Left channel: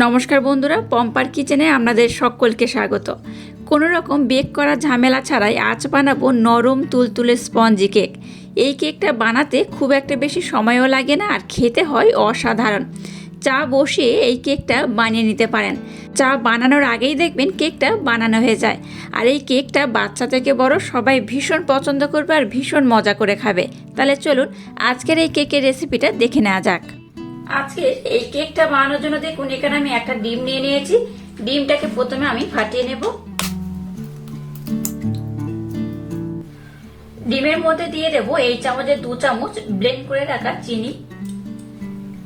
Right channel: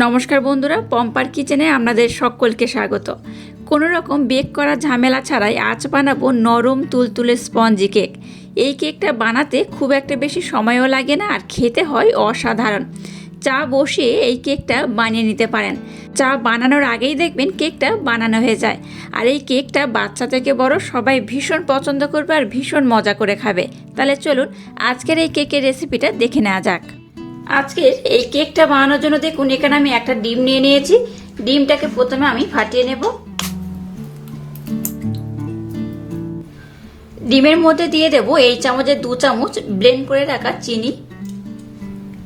নমস্কার বন্ধুরা, পম্পার কিচেনে আপনাদের সকলকে স্বাগত। কোনো রকম বেক করা ঝামেলা ছাড়াই আজ বানাবো নরম তুলতুলে স্পঞ্জি কেক। এই কেকটা বানাতে খুব একটা বেশি সময়ও লাগে না আর খেতে হয় অসাধারণ। চা বসিয়ে এই কেকটা বানিয়ে নিতে পারেন। চা বানানোর আগেই দেখবেন কেকটা বানানো হয়ে যায়। আর এই কেকটা বাচ্চা থেকে বড় সবাই ভীষণ পছন্দ করবে আর ভীষণ মজা করে খাবে। তাহলে চলুন আজকের এই কেকের রেসিপিটা দেখে নেওয়া যাক। আজকের এই কেকটা বানানোর জন্য দেখুন, এখানে আমি একটা ডিম নিয়ে নিয়েছি। ডিমটাকে প্রথমে আমি ফাটিয়ে নেব। ডিমের মধ্যে দিয়ে দেব এই চামচের দু চামচ ব্লেন্ড করে রাখা চিনি।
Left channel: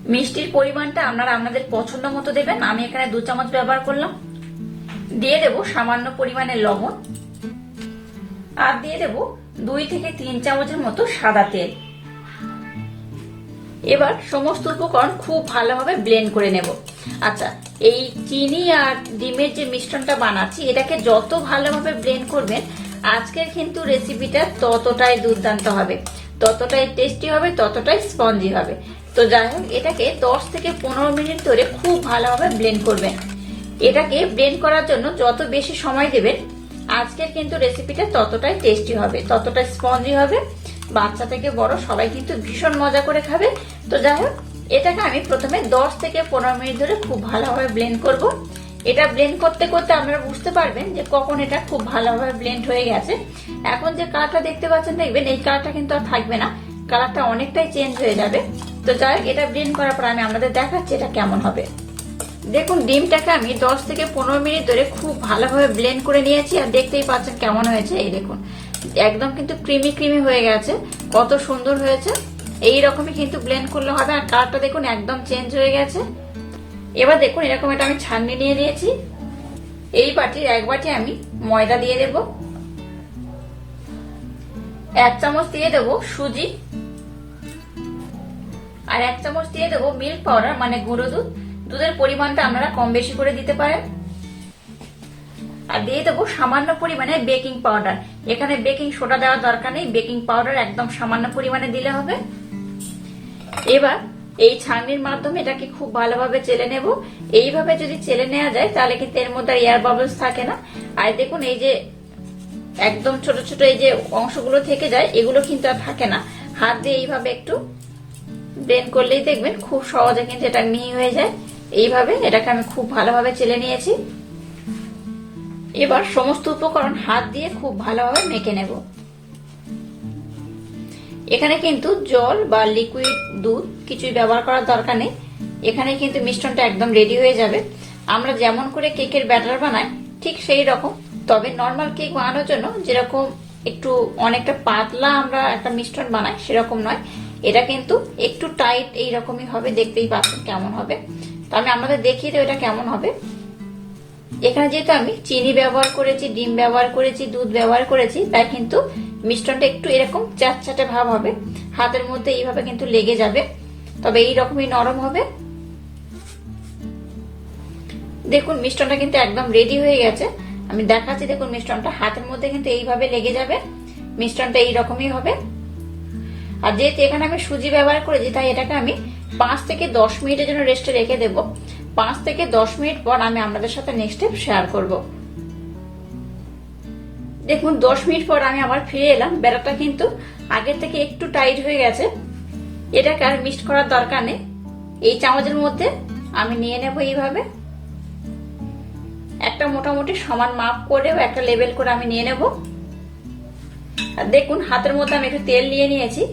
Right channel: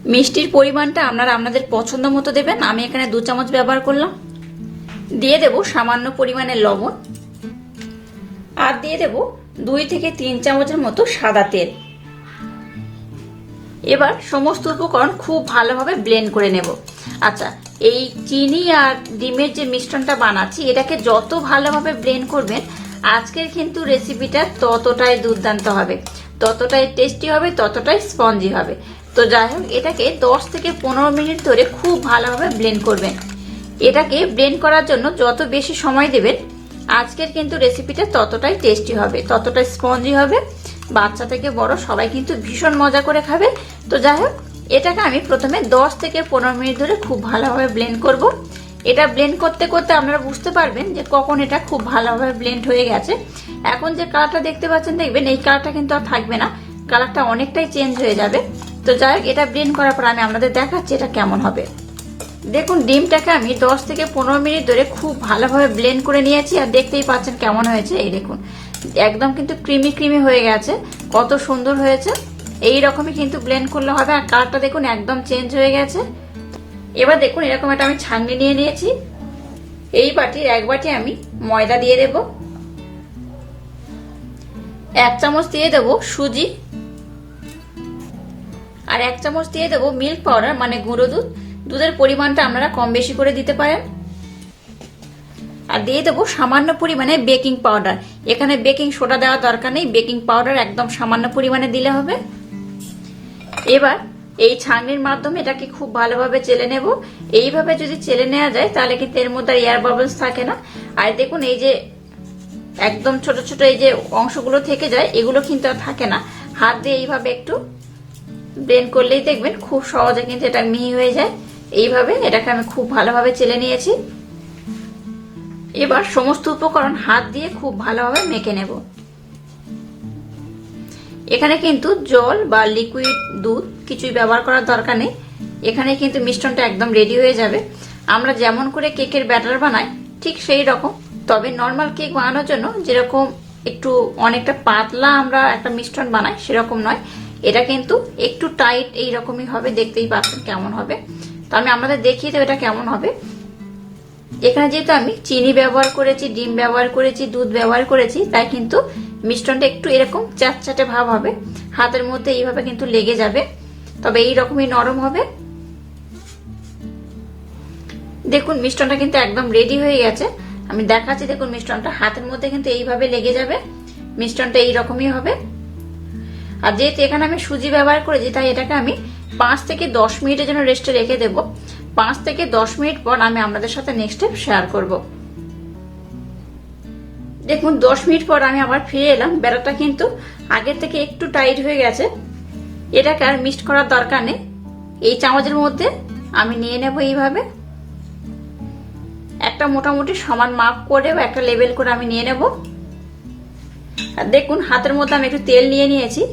মিষ্টির পরিমাণটা আপনারা আপনাদের পছন্দ মতো দেবেন, আমি এখানে দু চামচ ব্যবহার করলাম। দিয়ে দেব সামান্য পরিমাণে লবণ। আর দিয়ে দেব দুই থেকে তিন চামচের মতো সাদা তেল। এবার সমস্ত উপকরণ খুব ভালোভাবে ব্লেন্ড করে নেব। আচ্ছা এই চিনি আর ডিমের যে মিশ্রণটা বানাচ্ছি, এটাকে যত ভালোভাবে ব্লেন্ড করবেন, আজকের কিন্তু রেসিপিটা ততটাই দুর্দান্ত হবে। ততটাই টেস্টি হবে, ততটাই স্পঞ্জি হবে। তো যাই হোক, এটাকে দশ থেকে পনেরো মিনিট ধরে খুব ভালোভাবে ব্লেন্ড করবেন। এটাকে ব্লেন্ড করার জন্য যত বেশি সময় দেবেন, আজকের কিন্তু রেসিপিটা ততটাই টেস্টি হবে, ততটাই স্পঞ্জি হবে। বাচ্চা থেকে বড় সবাই কিন্তু ভীষণ মজা করে খাবে। তো যাই হোক, এটাকে আমি প্রথমে দশ থেকে পনেরো মিনিট ধরে খুব ভালোভাবে ব্লেন্ড করব। এটা ব্লেন্ড করতে করতে আপনারা বুঝতে পারবেন যে কখন এটা খুব ভালোভাবে ব্লেন্ড হয়ে গেছে। এখন যে কালারটা দেখতে পাচ্ছেন, দেখবেন এই কালারটা কিন্তু আর থাকবে না। কালারটা অনেকটাই চেঞ্জ হয়ে যাবে। তো যাই হোক, এটা ব্লেন্ড করার পর আমি আপনাদের দেখাচ্ছি এটা কেমন হবে। দেখুন, ডিমটাকে আমি দশ থেকে পনেরো মিনিট ধরে খুব ভালোভাবে ব্লেন্ড করে নিয়েছি। আর দেখতেই পাচ্ছেন কেমন হয়েছে। এই দেখুন একদম কিন্তু ক্রিমি ক্রিমি হয়ে গেছে। কত সুন্দর হয়েছে। এই রকমই কিন্তু ব্লেন্ড করলে হবে। আর কালারটা দেখুন, একদম চেঞ্জ হয়ে গেছে। এবার দেখুন, এরকম একটা আমি ছাননি নিয়ে নিয়েছি। এই বাটি, এক বাটি আমি ময়দা দিয়ে দেব। এক চামচ দিয়ে দেব সুজি। আর এক চামচ দিয়ে দেবো মিল্ক পাউডার মানে গুঁড়ো দুধ। দুধের পরিমাণটা আপনারা কম বেশি করে দিতে পারেন। আর দিয়ে দেবো সামান্য পরিমাণে বেকিং পাউডার। এখানে বেকিং সোডা দেওয়ার দরকার নেই, বেকিং পাউডার একদম সামান্য পরিমাণে দিলে হবে। এবার এই ছাঁকনির মাধ্যমে এটাকে খুব ভালোভাবে চেলে নেব। এইভাবে যদি চেলে নেওয়া যায়, তাহলে কিন্তু এর মধ্যে এয়ার বাবলস থাকে না। আর দেখুন, এই যে একদম ছোট ছোট এই যে অংশগুলো থেকে যায়, এগুলো কিন্তু আর থাকে না। হাত দিয়ে এইভাবে একটু ব্লেন্ড করলেই দেখবেন খুব সহজে কিন্তু এটা মিহি হয়ে যায়। এইভাবে এটাকে আমি খুব ভালোভাবে চেলে নিয়েছি। এবার সমস্ত উপকরণ হাত দিয়ে খুব ভালোভাবে মেখে নেব। এখানে কিন্তু জল বা লিকুইড দুধ কিছুই ব্যবহার করার দরকার নেই। এখানে কিন্তু মিশ্রণটা একদম রেডি হয়ে যাবে। আমরা যেমন করে কেকের ব্যাটার বানাই, ঠিক সেই রকম। তবে নর্মাল কেক বানানোর জন্য যেরকম একটু অনেকটা পাতলা আমরা একটা মিশ্রণ বানাই, সেরকম নয়। এটা কিন্তু একটু টাইট এই রকমই হবে, দেখতেই পাচ্ছেন কেমন হবে। তো আমি আমাদের দেখিয়ে দেবো এটা কেমন হবে। এখানে যেহেতু আমি চিনি ব্যবহার করেছি, ডিম ব্যবহার করেছি, দুধ ব্যবহার করেছি, তাই কিন্তু মিষ্টনটা একটু এরকম চাটচাটে ভাব হবে। হাতের মধ্যে এইভাবে কিন্তু লেগে যাবে। তবে এই রকমই নরম হবে। দেখুন মিষ্টনটা কিন্তু একদম রেডি হয়ে গেছে। আমি দেখাচ্ছি, দেখুন মিষ্টনটা হাতের মধ্যে কিন্তু এইভাবে লেগে যাবে। মিষ্টনটা এইরকমই হবে। আর যেহেতু এখানে আমি সুজি ব্যবহার করেছি, তাই এটাকে আমি পাঁচ থেকে দশ মিনিটের জন্য রেস্টে রেখে দেব। পাঁচ থেকে দশ মিনিট পর আমি আপনাদের সাথে নেক্সট স্টেপ শেয়ার করব। দেখুন, দশ মিনিট পর আমি আবার ফিরে এলাম। বেড়াটা কিন্তু আগের থেকে একটু টাইট হয়ে গেছে। এটাকে আর মিক্সড করার দরকার নেই। এই চামচের মধ্যে আমি নিয়ে নেব এইভাবে। একটা মোটামুটি সমান মাপ করে একটা লেবেল করে আমি নিয়ে নেব। আর দেখুন, হাতের মধ্যে আমি একটু তেল নিয়ে নিয়েছি।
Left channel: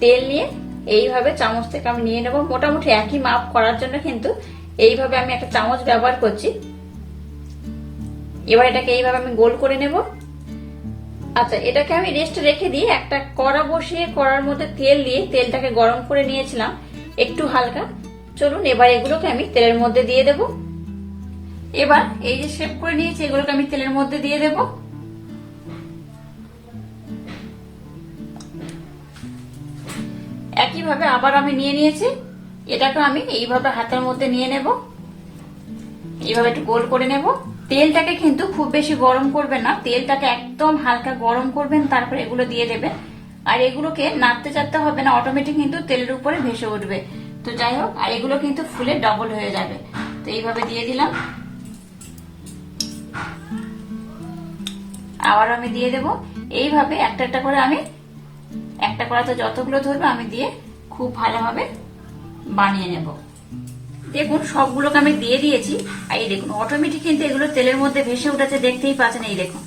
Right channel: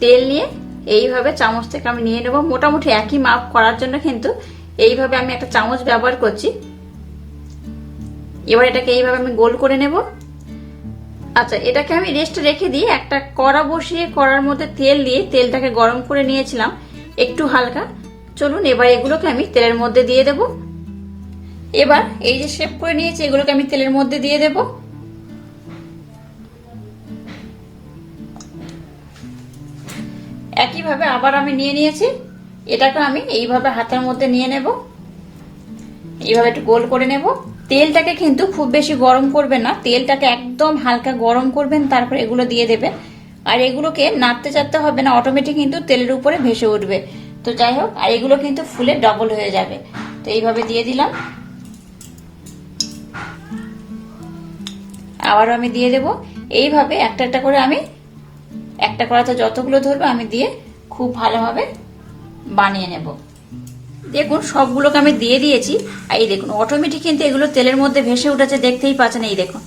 তেল নিয়ে এইভাবে চামচ থেকে আমি নিয়ে নেব। মোটামুটি একই মাপ করার জন্য কিন্তু এইভাবে আমি একটা চামচ ব্যবহার করছি। এবার এটাকে এইভাবে আমি গোল করে নেব। আচ্ছা এটাকে আমি রেস্টে রেখে দিয়ে একটা কড়া বসিয়ে কড়ার মধ্যে তেল দিয়ে তেলটাকে গরম করে নিয়েছিলাম একটু হালকা। চলুন, এবার এগুলোকে আমি তেলের মধ্যে দিয়ে দেব। এবার এই যে শেপ করে নিয়েছি, এগুলোকে আমি তেলের মধ্যে দিয়ে দেবো। একইভাবে আবার আমি নিয়ে নিয়েছি। এটাকে আমি এইভাবে হাতের মধ্যে নিয়ে নেব। এইভাবে একটু গোল করে নেব। তেলটাকে কিন্তু খুব বেশি গরম করবেন না। তেলটাকে একদম হালকা গরম করবেন, তারপর এগুলো দিয়ে দেবেন। আর এগুলোকে নাড়তে চাড়তে হবে না অটোমেটিক কিন্তু তেলের উপরে ভেসে উঠবে। তো যাই হোক, আর এগুলো কিন্তু ফুলে ডবল হয়ে যাবে। তো এইভাবে দিয়ে দিলাম। আবারও আমি দিয়ে দেব। এইভাবে একটা একটা করে আমি একটা কড়াতে যতগুলো ধরবো আমি দিয়ে খুব ভালোভাবে বানিয়ে নেব। দেখুন, সবগুলোকে আমি দিয়ে দিয়েছি। আর এই দেখুন অটোমেটিক কিন্তু এগুলো তেলের মধ্যে ভেসে উঠেছে, দেখতেই পাচ্ছেন এই দেখুন।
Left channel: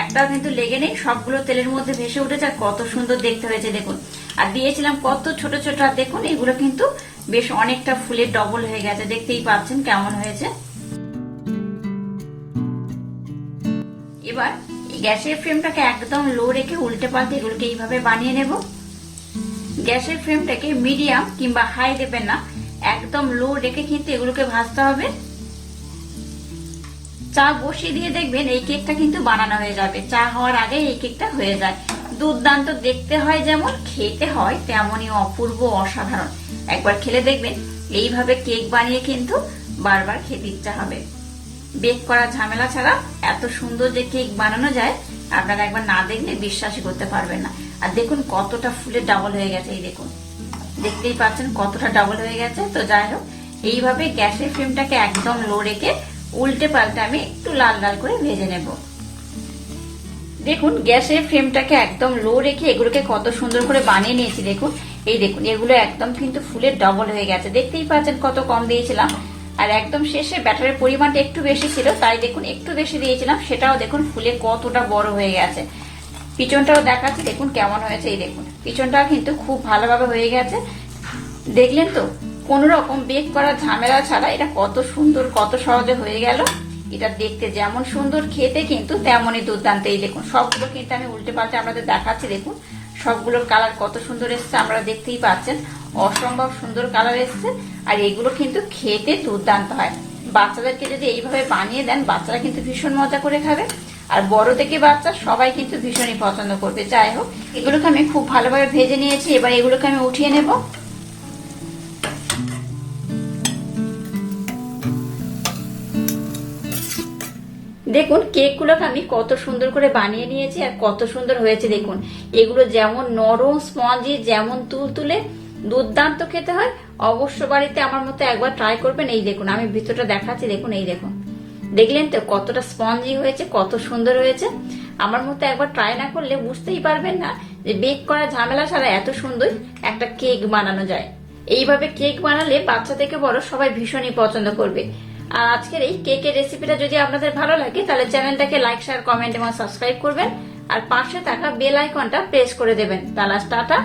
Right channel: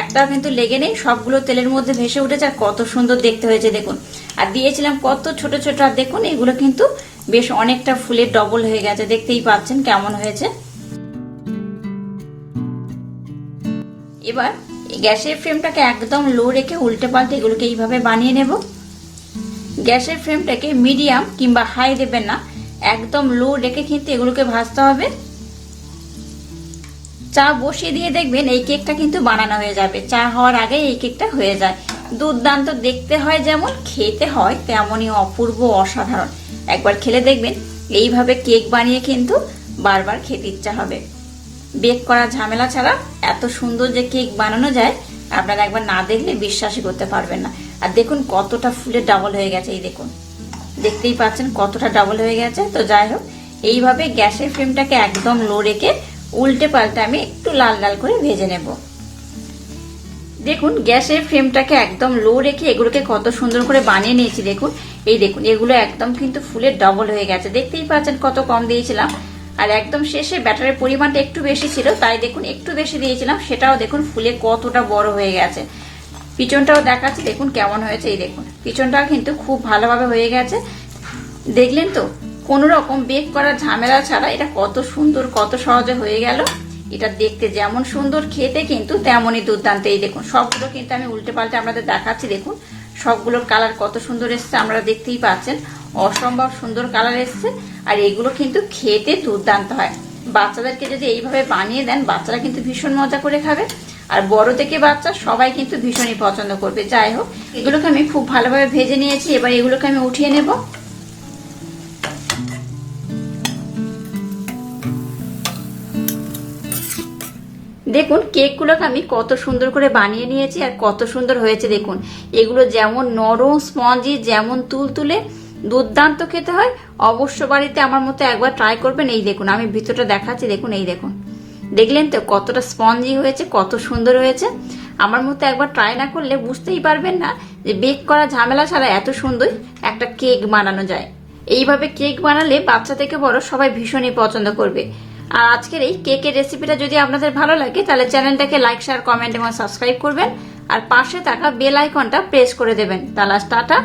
একটাও কিন্তু লেগে নেই, সবগুলো তেলের মধ্যে ভেসে উঠেছে, আর কত সুন্দর দেখতে হয়েছে, দেখুন। আর দিয়েছিলাম কত ছোট ছোট, আর দেখুন, এগুলো কিন্তু বেশ অনেকটা ফুলের ডবল হয়ে গেছে, দেখতেই পাচ্ছেন কেমন হয়েছে। এবার গ্যাসের ফ্লেমটাকে একদম লো রেখে উল্টে পাল্টে এগুলোকে এইভাবে বানিয়ে নেব। গ্যাসের ফ্লেমটাকে মিডিয়াম কিংবা হাই দেবেন না, একদম লো রেখে কিন্তু এগুলোকে ভাজতে হবে। চা বসিয়ে দিয়ে দেখবেন এই কেকটা কিন্তু বানানো হয়ে যাবে। চা হওয়ার আগে এই কেকটা হয়ে যায়। দুর্দান্ত দেখতে হয় যেমন, খেতে হয় তেমনই অপূর্ব অসাধারণ। একবার খেলে দেখবেন, এইভাবে কেক বানিয়ে কিন্তু বারবার খেতে ইচ্ছা হবে। বেক করা ঝামেলা ছাড়া এত সুন্দর যে কেক বানানো যায়, আপনারা একবার না দেখলে বিশ্বাসই করতে পারবেন না। আর দেখুন কতটা ফুলের ডাবল হয়ে গেছে, এই দেখুন। দেখতেই পাচ্ছেন কতটা ডাবল হয়ে গেছে। তো যাই হোক, এইভাবে গ্যাসের ফ্লেমটাকে একদম লো রেখে উল্টে পাল্টে আমি একটু লাল লাল করে ভেজে নেব। দেখুন গ্যাসের ফ্লেমটাকে একদম লো রেখে এগুলোকে কত সুন্দর করে বানিয়ে নিয়েছি, দেখুন। এই দেখুন, এগুলো একদম কিন্তু ফুলের ডবল হয়ে গেছে। দেখতেই পাচ্ছেন কত কম দিয়েছিলাম। আর একদম শেষে ব্যাটারের পরিমাণটা একটু বেশি ছিল, তাই দেখুন একটু বেশি দিয়েছিলাম, সেটাও দেখুন ফুলে কতটা বড় হয়ে গেছে। পিছনটাও দেখাচ্ছে, দেখুন কেমন হয়েছে, এই দেখুন। পিছনটাও কিন্তু খুব ভালোভাবে হয়ে গেছে। দেখলেন তো কোন রকম বেক করার ঝামেলা ছাড়া এটা কত সুন্দর, কত সহজে হয়ে গেল। এটা দেখতে যেমন সুন্দর, খেতে কিন্তু তেমনই দুর্দান্ত। এই দেখুন, সবগুলো কিন্তু আমি উল্টে পাল্টে আপনাদের দেখাচ্ছি, দেখুন। সবগুলোর কালার কত সুন্দর এসছে আমরা দেখতেই পাচ্ছেন। অসম্ভব সুন্দর কালার এসছে। আর এগুলো কিন্তু খেতে দুর্দান্ত হয়। বাচ্চাদেরকে যদি এইভাবে বানিয়ে দেন, বাচ্চারা কিন্তু ভীষণ মজা করে খাবে। আর বড় থেকে বাচ্চা সবাই কিন্তু ভীষণই পছন্দ করবে। যাই হোক, এগুলোকে আমি খুব ভালোভাবে ভেজে নিয়েছি। এবার এগুলোকে আমি উঠিয়ে নেব। দেখুন, কেকগুলোকে আমি কত সুন্দর করে বানিয়ে নিয়েছি আর কত সুন্দর হয়েছে। দেখুন, এগুলো যেমন নরম, স্পঞ্জি, যেমন তুলতুলে দুর্দান্ত খেতে হয়। অবশ্য বাড়িতে আমার মতো একবার ট্রাই করবেন, এই দেখুন, আমি ভিতরটা দেখাচ্ছি, দেখুন, এই দেখুন। দেখলেন তো কতটা স্পঞ্জি হয়েছে, কত সুন্দর হয়েছে। আমার মতো একবার ট্রাই না করলে বুঝতেই পারবেন না যে বেক করা ঝামেলা ছাড়া এত সুন্দর একটা কেক বানানো যায়। এইভাবে কেক বানালে বাচ্চা থেকে বড় সবাই ভীষণই পছন্দ করবে। আর আজকের এই কেকের রেসিপিটা যদি আপনাদের ভালো লাগে, তাহলে চ্যানেলটাকে লাইক শেয়ার কমেন্ট এবং সাবস্ক্রাইব করবেন। আর পাশে থাকা বেল আইকনটা প্রেস করে দেবেন। তাহলে টাটা।